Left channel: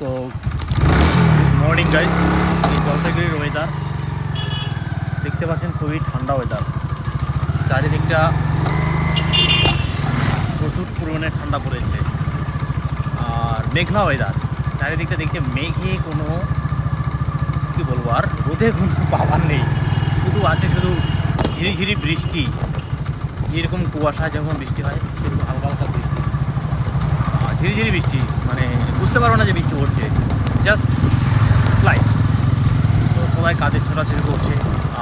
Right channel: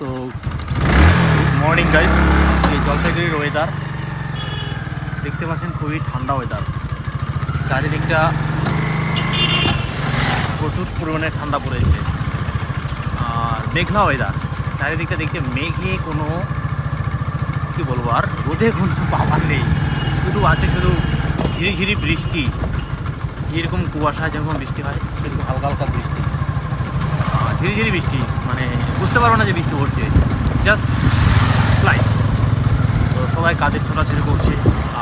তো good morning guys. আজকে জলপাইগুড়ির ওয়েদার দেখতে পাচ্ছেন, খুবই ঠান্ডা ওয়েদার। চারিদিকটা প্রচুর পরিমাণে ঠান্ডা পড়েছে আর মেঘলা ওয়েদার। চারিদিকটা দেখছে মেঘে কোনো কী বলবো, আর রোদে কোনো পাওয়ার নেই, শুধু আছে শুধু ঝিরিঝিরি বৃষ্টি। যেরকম কুয়াশা যখন বৃষ্টি হয় সেরকম হালকা হালকা বৃষ্টি, ঝিরিঝিরি বৃষ্টি, মানে বুঝতে পারবো না যে বৃষ্টি পড়ছে, জাস্ট স্লাইড। তো সবাই কাজের ছোটাছুটি করছে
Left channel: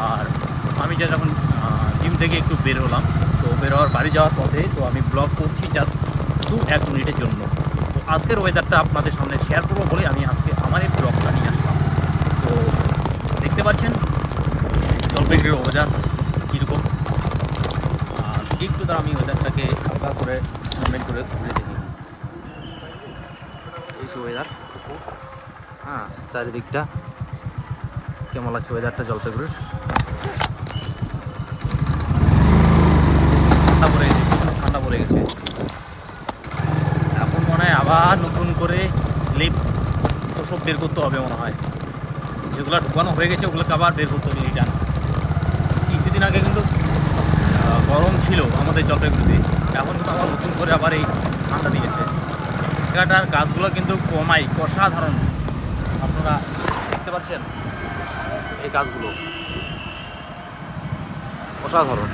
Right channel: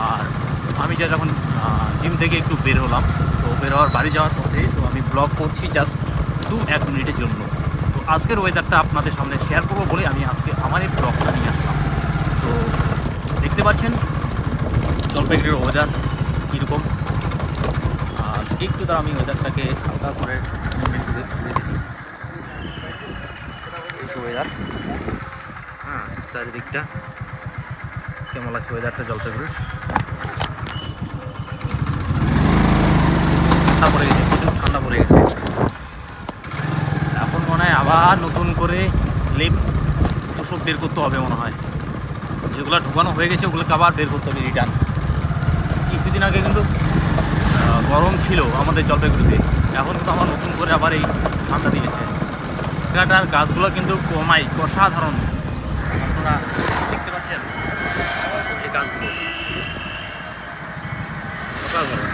আর আমি যা যখন জিম থেকে একটু বের হলাম, তো বের হওয়ার বাড়ি যাওয়ার পথে তো আমি ব্লগ করছি জাস্ট 1 মিনিটের জন্য। তো আজকের ওয়েদারটা আপনাদের সামনে শেয়ার করবো বলে আমি আজকে আমার এই ব্লগটা নিয়ে আসলাম। তো দেখতে পাচ্ছেন জলপাইগুড়ির ওয়েদার কীরকম। একটু তার আমি ওয়েদারটাকে হালকা করে মুভমেন্ট করে দেখি। এই যে ওয়েদার, হ্যাঁ, চারিদিকটা কেমন লাগছে ওয়েদারটা জলপাইগুড়ির। ঠান্ডা পড়ে গেছে, প্রচুর ঠান্ডা পড়ে গেছে। এখন মনে হয় আবার নতুন করে লেপ তো সব বের করতে হবে মনে হয়। যেগুলো ঢুকানো হয়ে গেছে ওগুলোকে আবার বের করতে হবে রিটার্ন। কিছুদিন আগে কিন্তু গরম ছিল আমাদের জলপাইগুড়িতে, এখন কিন্তু আবার নতুন করে আবার এই ঠান্ডা দিয়েছে। জায়গাটার গাছগুলো কিন্তু কমাই, অসাধারণ। আপনারা দেখতে পাচ্ছেন এই গাছগুলো অসাধারণ।